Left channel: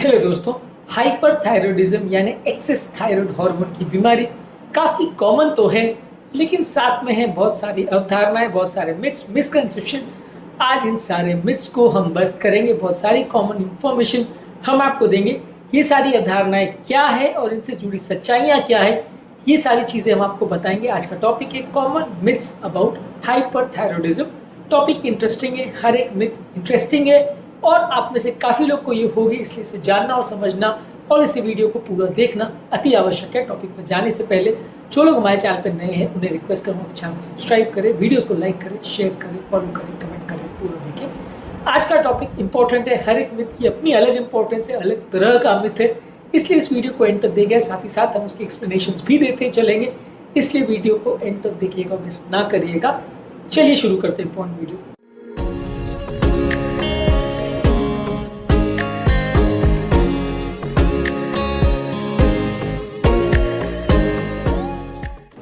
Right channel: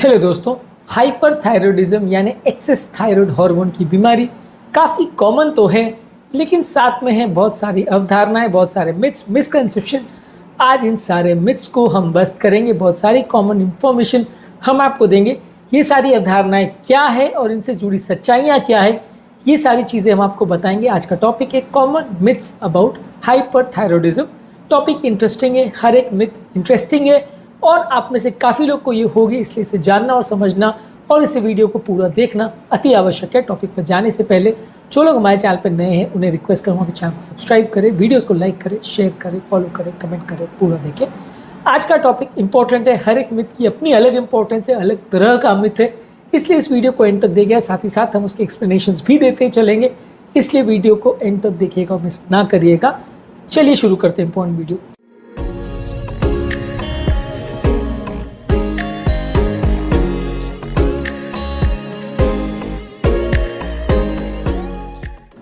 Hello दोस्तों, hyperthyroidism यानी excess thyroid hormone की बीमारी काफ़ी कॉमन तो है, लेकिन साथ में है बहुत सारी अवधारणाएं, बहुत सारे मिथ्स, मिसकंसेप्शन। आज इन सारे मिथ्स को हम बस्ट करेंगे, बहुत सारी कॉमन इंफॉर्मेशन हम आपको देंगे। ये सारी अवधारणाएं क्या है और इनसे जुड़ी सच्चाइयाँ क्या है, ये सारी चीज़ें हम आपको बताएंगे। आज का टॉपिक है common myths about hyperthyroidism. Topic interesting है, हर एक मिथ इंटरेस्टिंग है और आप में से काफ़ी लोग को ये होगी, इसलिए इसे जानना और समझना और इस वीडियो को पूरा देखना अति आवश्यक है। टॉपिक पर जाने से पहले जो लोग हमारे चैनल पर नए हैं उन्हें रिक्वेस्ट करूँगा कि चैनल को सब्सक्राइब करें, वीडियोस को लाइक करें, शेयर करें, फॉलो करें, कमेंट करें, पूरा देखें। आज का टॉपिक इंपॉर्टेंट है, हर एक मिथ की अपनी अलग इंपॉर्टेंस है, अलग तरह का मिथ है, इसलिए इस वीडियो को एंड तक देखिए। साथ ही साथ हम उसके एक्सप्लेनेशंस भी देते चलेंगे, इसलिए वीडियो को एंड तक देखिएगा और मिस ना करिएगा। चलिए शुरू करते हैं इंपॉर्टेंट वीडियो।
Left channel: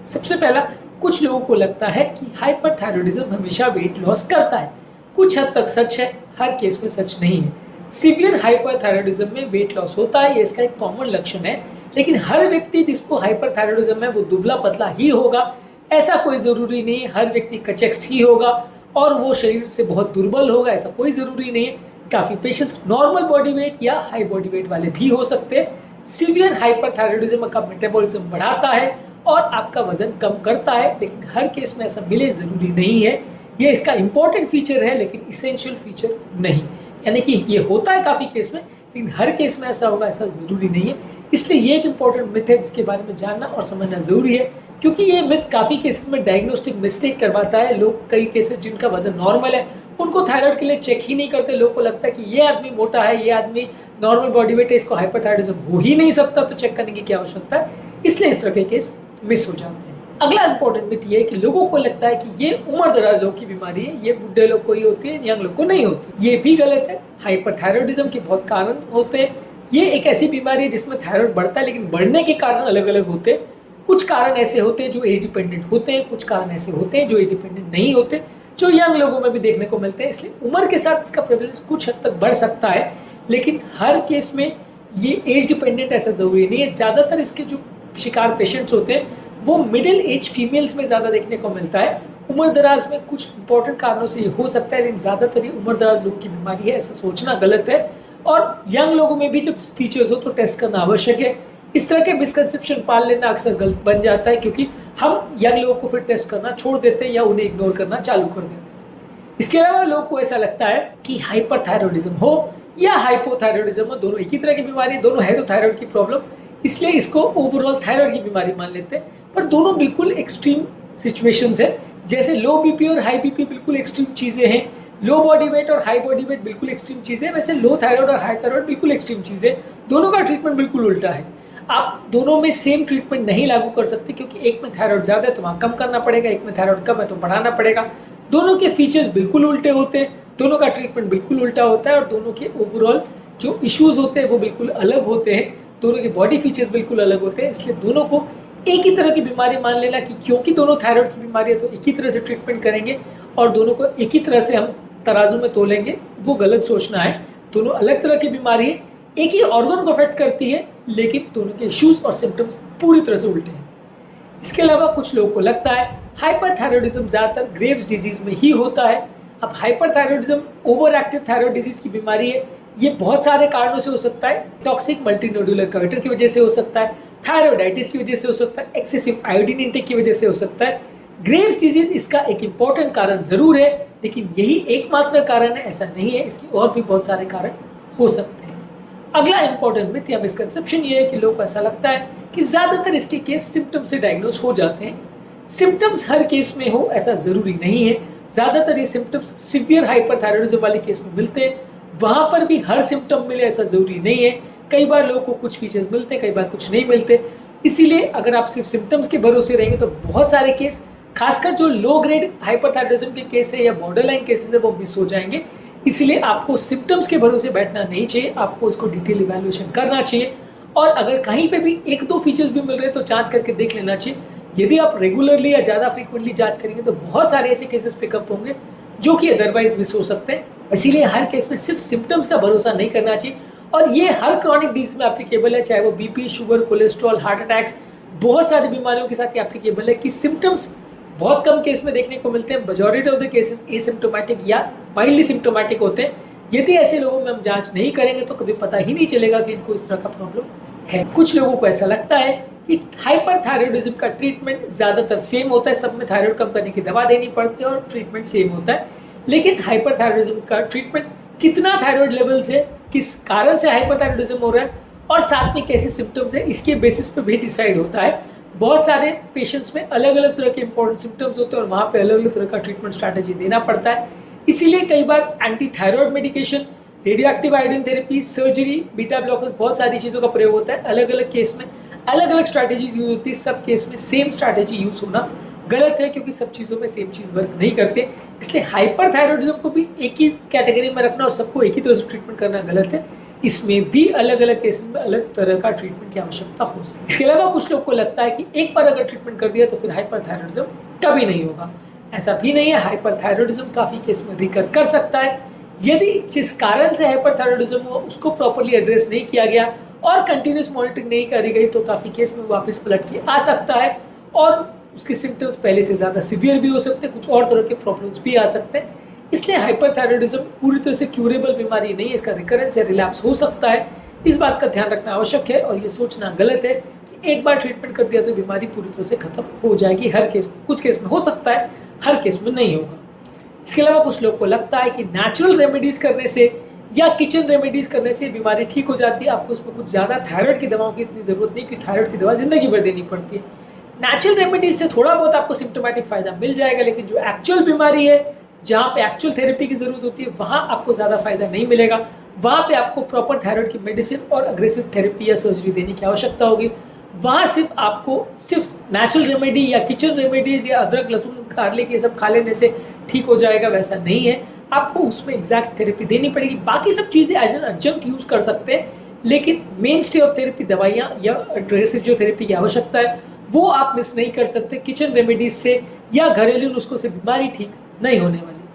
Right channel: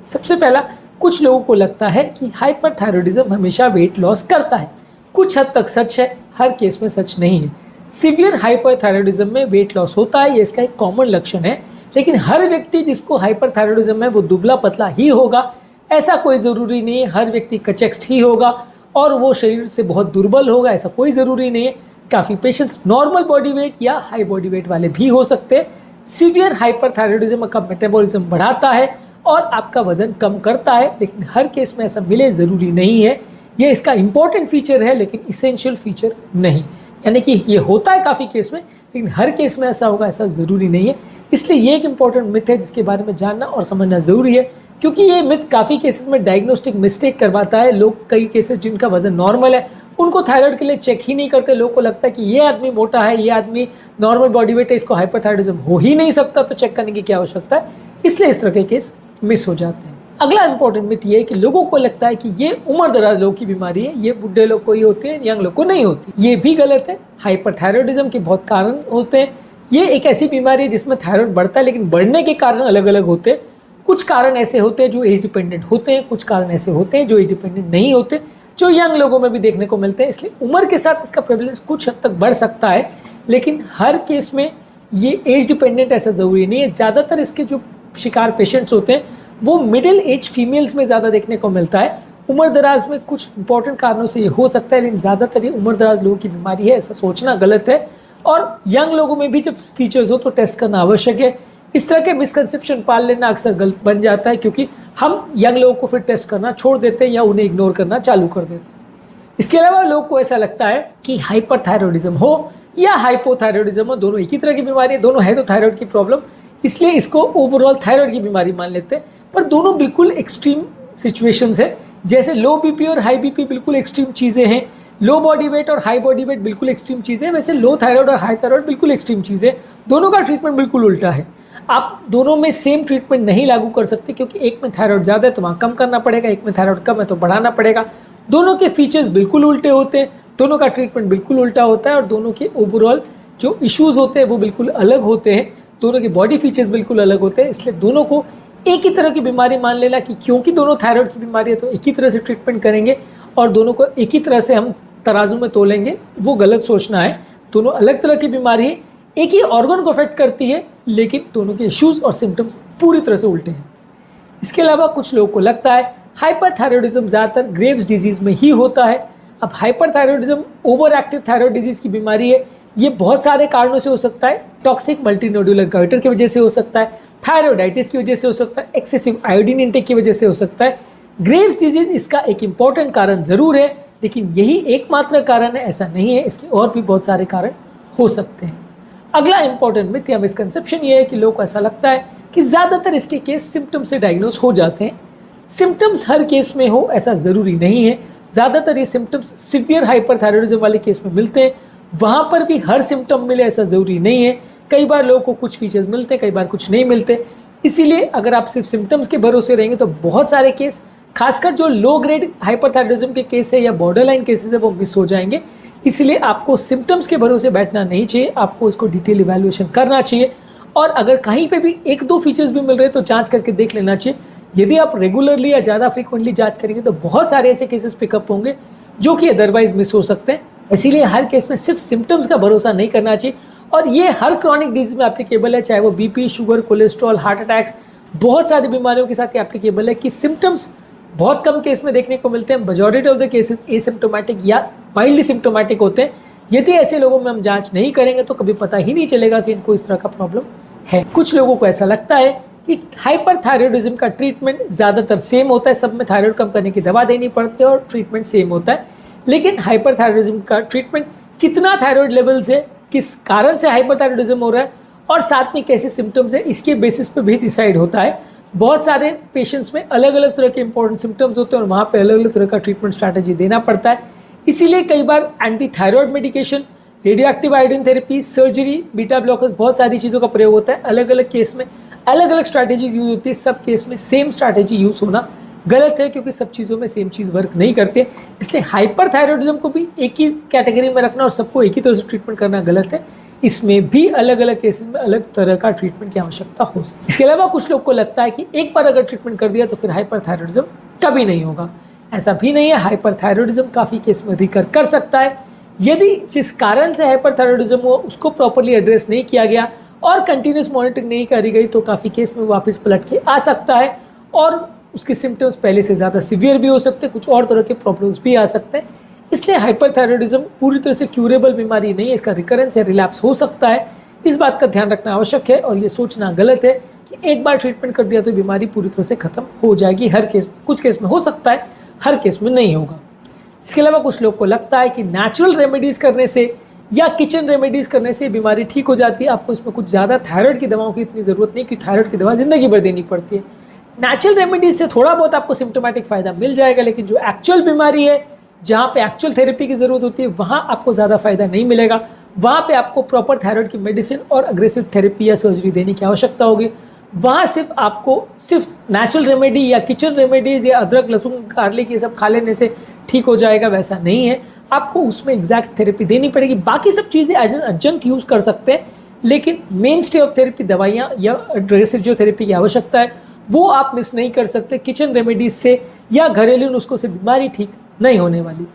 सबसे पहला, कुछ लोगों को लगता है कि हाइपरथायरॉयडिज्म हमेशा वेट लॉस करता है। कुछ हद तक सच है, हर केस में सच नहीं है। सीवियर हाइपरथायरॉयडिज्म में वेट लॉस होता है, ये इसका एक कॉमन लक्षण है, लेकिन हर व्यक्ति जिसको हाइपरथायरॉयडिज्म है वो दुबला पतला ही होगा, ऐसा कोई ज़रूरी नहीं है। हर व्यक्ति कचेक्स्ट ही होगा और वो शरीर से बहुत दुर्बल होगा, ऐसा कोई ज़रूरी नहीं है। काफ़ी पेशेंट्स नॉर्मल बॉडी वेट या हाई बॉडी वेट वाले भी हो सकते हैं। सीवियर हाइपरथायरॉयडिज्म का मेटाबॉलिज्म बढ़ाता है और आपका वजन कम करता है, लेकिन हर केस में ऐसा मिले ज़रूरी नहीं है। ये इसका इंपॉर्टेंट फीचर है लेकिन इसेंशियल फीचर नहीं, यानी कि ये होता है काफ़ी केस में, लेकिन हर केस में ऐसा होगा ऐसा ज़रूरी नहीं है। इसलिए ये एक इंपॉर्टेंट मिथ है जिसके बारे में जानना और समझना ज़रूरी है, क्योंकि ये मिथ काफ़ी केसेस में डायग्नोस्टिक मिस्टेक करवाता है। लोग कई केसेस जिनका वजन नॉर्मल है उनको थायराइड के लिए चेक ही नहीं करते। लोगों को लगता है कि ये आदमी मोटा है, ये आदमी नॉर्मल बॉडी वेट है, इसको हाइपरथायरॉयडिज्म हो ही नहीं सकता, तो चेक करने की क्या आवश्यकता है। इसलिए इस तरह के केस मिस हो जाते हैं। अगला इंपॉर्टेंट मिथ ये है कि लोगों को लगता है कि ये उम्र दराज लोगों की बीमारी है, ये बुढ़े लोग को ही होती है, यंग लोग को नहीं होती। ये भी गलत है। हाइपरथायरॉयडिज्म के बहुत कारण होते हैं। ये एक ऐसी बीमारी है जिसमें थायराइड बढ़ता है, लेकिन बढ़ने के कारण अलग अलग होते हैं। कुछ कारण ऐसे होते हैं जो एज डिपेंडेंट होते हैं, कुछ कारण ऐसे होते हैं जो एज डिपेंडेंट नहीं होते, जो यंग लोगों में भी देखने को मिलते हैं। इसलिए उम्र के साथ इसका प्रेवलेंस कुछ हद तक बढ़ सकता है, लेकिन हर केस में ये एज डिपेंडेंट ऐसा जरूरी नहीं है। ज़्यादातर इसके जो शिकार पेशेंट्स होते हैं वो मिडिल एज फीमेल्स में ज़्यादा देखने को मिलता है। उम्र दराज में कुछ इंपॉर्टेंट कारणों से ये हो सकता है, लेकिन ज़्यादातर ये उम्र दराज लोगों की बीमारी है, ऐसा सोचना गलत है। और यंग लोगों में भी जब फीचर्स हो तो टेस्ट करना आवश्यक है। इस तरह के मिसकंसेप्शन पाल लेना अक्सर गलत बन जाता है, क्योंकि हम यंग लोगों को फिर टेस्ट करना छोड़ देते हैं या उन्हें इग्नोर करना चालू कर देते हैं। इसके अलावा लोग को ऐसा लगता है कि हाइपरथायरॉयडिज्म हो या हाइपोथायरॉयडिज्म हो, दोनों एक ही तरह की बीमारी है, दोनों है तो थायराइड की प्रॉब्लम, इसलिए इसको ओवरऑल थायराइड की बीमारी मान लेते हैं। पर दोनों बिल्कुल एक्सट्रीम सिचुएशंस है। जैसे लो बीपी और हाई बीपी बिल्कुल एक्सट्रीम चीज़ें हैं, लो बॉडी वेट और हाई बॉडी वेट बिल्कुल एक्सट्रीम चीज़ें हैं, वैसे लो थायराइड और हाई थायराइड बिल्कुल एक्सट्रीम चीज़ें। दोनों का ट्रीटमेंट बिल्कुल उल्टा है। आप दोनों में सेम ट्रीटमेंट नहीं लागू कर सकते, क्योंकि एक में थायराइड ज़्यादा है तो वहाँ कम करना पड़ेगा, एक में थायराइड कम है तो बढ़ाना पड़ेगा। दोनों के फीचर्स बिल्कुल उल्टे होते हैं, दोनों का ट्रीटमेंट बिल्कुल उल्टा होता है और दोनों के ओवरऑल जो इश्यूज होते हैं वो बिल्कुल अलग होते हैं। दोनों की बॉडी फीचर्स बिल्कुल अलग होते हैं, इसलिए दोनों को एक ही तरह की बीमारी मान लेना कि क्योंकि दोनों थायराइड की बीमारी है तो एक ही तरह से ट्रीटमेंट करेंगे और दोनों को एक ही तरह से हम तराजू में तोलेंगे, वो गलत सोचना है। दोनों अलग तरह की बीमारी है, एक ही ऑर्गन को अफेक्ट करती है, लेकिन दोनों के इश्यूज और सिम्टम्स पूरी तरह से उल्टे हैं। इसके अलावा कुछ लोगों को लगता है हाइपरथायरॉयडिज्म ज़्यादातर ग्रेव्स डिजीज में ही होता है। अब hyperthyroidism over active thyroid disease की बीमारी है, ये बहुत सारे कारणों से हो सकता है। टॉक्सिक मल्टीनोड्यूलर गाइटर की वजह से हो सकता है, थायरोइडाइटिस की वजह से हो सकता है, एक्सेसिव आयोडीन इंटेक की वजह से हो सकता है। ग्रेव्स डिजीज इसका एक इंपॉर्टेंट कारण जरूर है, लेकिन यही एकमात्र कारण है ऐसा नहीं है, इसके और भी बहुत सारे कारण हो सकते हैं। अगला इंपॉर्टेंट मिथ या मिसकंसेप्शन ये है कि लोगों को ऐसा लगता है कि ज़्यादातर इसके केस सिम्टम्स से डायग्नोस हो जाते हैं। सिम्टम्स हर केस में हो ऐसा ज़रूरी नहीं है। ज़्यादातर ये सिम्टम्स सीवियर हाइपरथायरॉयडिज्म वाले केस में मिलते हैं, वहाँ पर भी हर सिम्टम मिले ऐसा ज़रूरी नहीं है। कई बार लोगों को कुछ फीचर्स मिलते हैं, कई बार कुछ नहीं मिलते। इसीलिए अगर आप सिर्फ सिम्टम्स के भरोसे रहेंगे तो बहुत सारे केस, खासकर जो लो ग्रेड हाइपरथायरॉयडिज्म के केस है या बॉर्डरलाइन केसेस है, वो मिस हो जाएंगे। इसलिए आपको सिम्टम्स के भरोसे बैठना नहीं चाहिए, आपको इसको डिटेल इवैल्यूएशन करना चाहिए। और अगर कहीं पे भी एक दो फीचर्स भी मिल रहे हैं तो जांच करके देख लेना चाहिए। यदि आप रेगुलरली या ज़्यादा फ्रीक्वेंटली जांच करेंगे तो बहुत सारे ऐसे केसेस पिकअप होंगे जो कि अदरवाइज मिस हो सकते हैं। इसीलिए हर केस में सिर्फ सिम्टम्स का भरोसा नहीं करना चाहिए और ये हर क्रॉनिक डिजीज में एप्लीकेबल है, चाहे वो BP, sugar, cholesterol, heart attacks, बहुत सारी बीमारियों के साथ ये एप्लीकेबल है कि सिम्टम्स बहुत कम केस में देखने को मिलते हैं। Majority of the cases asymptomatic या माइल्डली सिम्प्टोमेटिक होते हैं। यदि ऐसे लोगों में हम जांच नहीं करेंगे तो कभी पता ही नहीं चलेगा कि इनको इस तरह का प्रॉब्लम है। कुछ लोगों को ऐसा लगता है कि हाइपरथायरॉयडिज्म का ट्रीटमेंट ज़्यादातर सेम होता है, सब में थायराइड कम करने की दवा देनी पड़ती है और ट्रीटमेंट सेम होता है। लेकिन हाइपरथायरॉयडिज्म का ट्रीटमेंट कितना थायराइड लेवल से, किस कारण से हाइपरथायरॉयडिज्म हो रहा है और साथ में कैसे सिम्टम्स है, इसके बेसिस पे भी डिसाइड होता है। बहुत सारे पेशेंट्स में अलग अलग तरह के इंपॉर्टेंट सिम्टम्स होते हैं और वहाँ पे अलग अलग तरह का ट्रीटमेंट स्ट्रैटेजी देना पड़ता है। इसीलिए कई बार anti thyroid medication, radioactive iodine therapy, surgery, beta blockers, बहुत सारी चीज़ों का प्रयोग होता है। अलग अलग केस में अलग अलग स्ट्रैटेजीज यूज होती है। सब केस में सेम स्ट्रैटेजी यूज होना गलत है, क्योंकि सब चीज़ों में सेम चीज़ वर्क नहीं करते। इसलिए हाइपरथायरॉयडिज्म को भी एक ही कैटेगरी में रखना और सबको एक ही तरह से ट्रीटमेंट करना गलत है। इसमें भी अलग अलग केसेस में अलग तरह का ट्रीटमेंट की आवश्यकता हो सकती है। इसके अलावा कुछ लोग को लगता है कि एक बार अगर ट्रीटमेंट कर दिया तो फिर हाइपरथायरॉयडिज्म कभी नहीं होगा। ऐसा भी नहीं है। हाइपरथायरॉयडिज्म काफ़ी केस में रिकर कर सकता है। यदि जिस कारण से हाइपरथायरॉयडिज्म हो उसको प्रॉपरली एड्रेस नहीं किया गया और कंटिन्यूस मॉनिटरिंग नहीं करी गई तो काफ़ी केस में वापस पलट के आ सकता है और उसके सिम्टम्स पहले से ज़्यादा सीवियर भी हो सकते हैं, कुछ और तरह के प्रॉब्लम्स भी आ सकते हैं। इसलिए हाइपरथायरॉयडिज्म पूरी तरह से क्यूरेबल बीमारी नहीं है, इसका रिकरेंस या रिलैप्स हो सकता है। इस बात का ध्यान रखना आवश्यक है और ये सोचना गलत है कि एक बार ट्रीटमेंट कर दिया तो बीमारी पूरी तरह से खत्म हो जाएगी। हर केस, कुछ केस में हो सकता है, हर केस में नहीं होगा। इसके अलावा कुछ लोग को लगता है कि नेचुरल रेमेडीज करने से या किचन रेमेडीज करने से बीमारी ठीक हो जाती है। आपको इसमें कुछ ज़्यादा थायराइड की दवाओं की इतनी ज़रूरत नहीं, क्योंकि थायराइड की दवा जिंदगी भर देनी पड़ती है। नेचुरल रेमेडीज से थोड़ा बहुत आपको सिम्टोमेटिक फायदा मिल जाएगा, लेकिन जो एक्चुअल बीमारी है, जहाँ पे एक्चुअल थेरेपी की जरूरत होती है, वहाँ आपको ज़्यादा फायदा नहीं मिलेगा। वहाँ पे आपको प्रॉपर थायराइड की मेडिसिन और अग्रेसिव थेरेपी या सर्जरी देने की आवश्यकता होगी। वहाँ सिर्फ आपको सिर्फ नेचुरल रेमेडी या किचन रेमेडीज या अदरक, लहसुन, गार्लिक ये सब खा लेने से ठीक हो जाएगा, वैसा नहीं है। आपको उसमें एग्जैक्ट थेरेपी देनी पड़ेगी। बाकी सब चीज़ें एज एन एडजंक्ट यूज कर सकते हैं, लेकिन मेन स्टे ऑफ थेरेपी, दवाइयाँ या अग्रेसिव थेरेपी की आवश्यकता है, वो आप मिस नहीं कर सकते किचन रेमेडीज से या घरेलू नुस्खों से बीमारी ठीक नहीं होने वाली।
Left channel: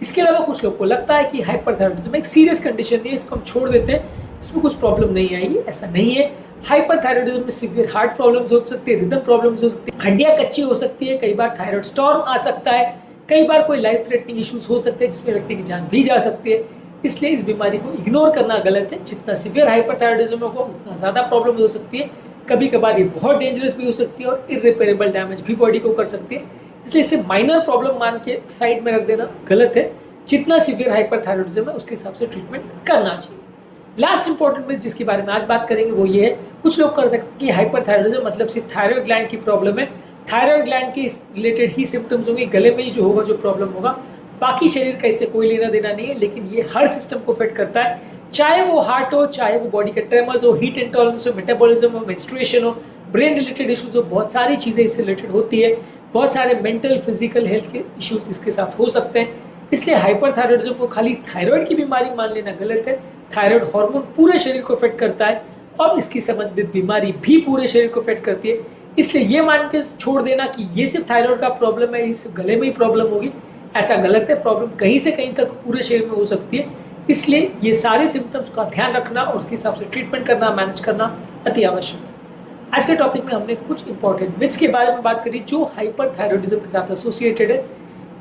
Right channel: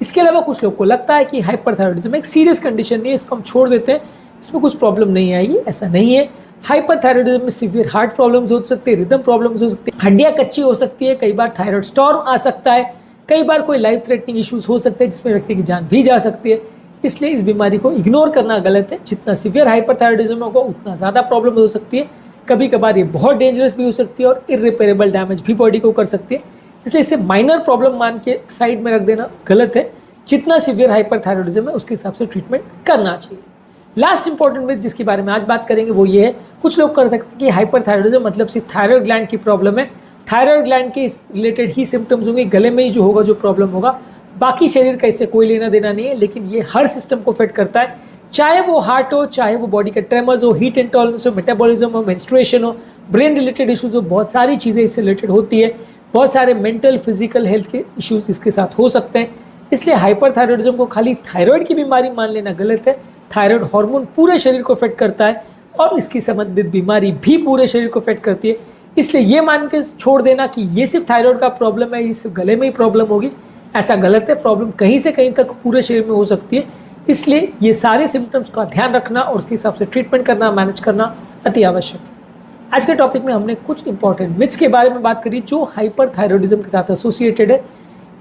इसके अलावा कुछ लोग को लगता है कि हाइपरथायरॉयडिज्म एक सीरियस कंडीशन नहीं है, इसको हम छोड़ देते हैं, इसमें कुछ प्रॉब्लम नहीं आएगी। ऐसा नहीं है। हाइपरथायरॉयडिज्म में सीवियर हार्ट प्रॉब्लम्स हो सकते हैं, रिदम प्रॉब्लम्स हो सकती है, हड्डियां कच्ची हो सकती है, कई बार थायराइड स्टॉर्म आ सकता है, कई बार कोई लाइफ थ्रेटनिंग इश्यूज हो सकते हैं जिसमें व्यक्ति की जान भी जा सकती है। इसलिए इस बीमारी को इग्नोर करना गलत है। जितना सीवियर हाइपरथायरॉयडिज्म होगा उतना ज़्यादा प्रॉब्लम हो सकती है। कभी कभार ये बहुत डेंजरस भी हो सकती है और इर्रिपेरेबल डैमेज भी बॉडी को कर सकती है। इसलिए इसे माइनर प्रॉब्लम मान के साइड में रख देना गलत है। जितना सीवियर हाइपरथायरॉयडिज्म है उसके हिसाब से ट्रीटमेंट करना चाहिए। लास्ट इंपॉर्टेंट मिथ जिसके बारे में आज बात करेंगे वो ये है, कुछ लोग कर सकते हैं कि हाइपरथायरॉयडिज्म मतलब सिर्फ थायराइड ग्लैंड की प्रॉब्लम है, थायराइड ग्लैंड के रिलेटेड ही सिम्टम्स होंगे, गले में ही जो होगा, जो प्रॉब्लम होगा, बाकी शरीर का इससे कोई लेना देना नहीं है। लेकिन ये हर सिस्टम को अफेक्ट करता है, चाहे वो हार्ट हो, चाहे वो बॉडी के ट्रेमर्स हो, हीट इंटॉलरेंस हो, मेटाबॉलिज्म हो, मेंस्ट्रुएशन हो, ब्रेन रिलेटेड इश्यूज हो, बहुत सारी चीज़ें इससे रिलेटेड होती है। बहुत सारे मेंटल, फिजिकल हेल्थ के इश्यूज इसके साथ हो सकते हैं। इसलिए हाइपरथायरॉयडिज्म को खाली थायराइड की बीमारी मान लेना गलत है। थायराइड हार्मोन पूरे शरीर को अफेक्ट करता है और इसकी संबंधित बीमारी भी पूरे शरीर को अफेक्ट करती है। इसलिए ये मान के छोड़ देना कि ये सिर्फ थायराइड का प्रॉब्लम है, इस गले में ही प्रॉब्लम होगी, ऐसा गलत है। प्रॉब्लम कहीं से कहीं तक पूरे शरीर में हो सकती है। इसलिए ये सारे सिम्टम्स का ध्यान रखना और उसके हिसाब से ट्रीटमेंट करना, मैनेज करना अति आवश्यक है। आज के टॉपिक में हमने कुछ इंपॉर्टेंट मिथ्स के बारे में बात करी जो हाइपरथायरॉयडिज्म के साथ एसोसिएटेड है।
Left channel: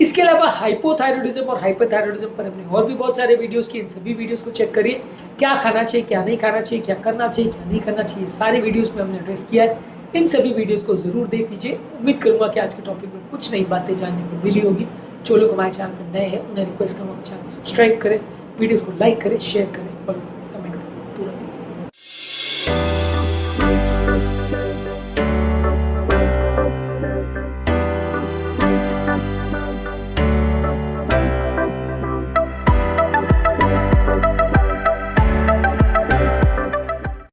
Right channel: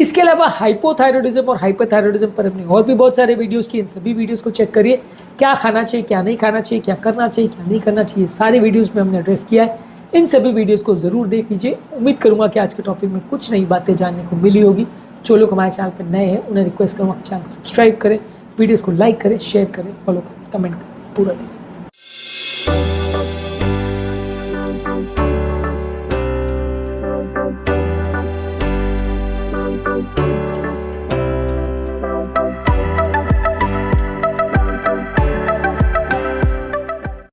इसके अलावा हाइपोथायरॉयडिज्म और हाइपरथायरॉयडिज्म पर हमने और भी बहुत सारे वीडियोस किए। इन सभी वीडियोस को चेक करिए, क्या खाना चाहिए, क्या नहीं खाना चाहिए, क्या करना चाहिए, क्या नहीं करना चाहिए, सारे वीडियोस में हमने एड्रेस किया है। इन सभी वीडियोस को जरूर देख लीजिए। उम्मीद करूंगा कि आज के टॉपिक में कुछ नई बातें जानने को मिली होगी। जो लोग हमारे चैनल पर नए हैं उन्हें रिक्वेस्ट करूँगा कि चैनल को सब्सक्राइब करें, वीडियोज़ को लाइक करें, शेयर करें, फॉलो करें, कमेंट करें, पूरा दिन।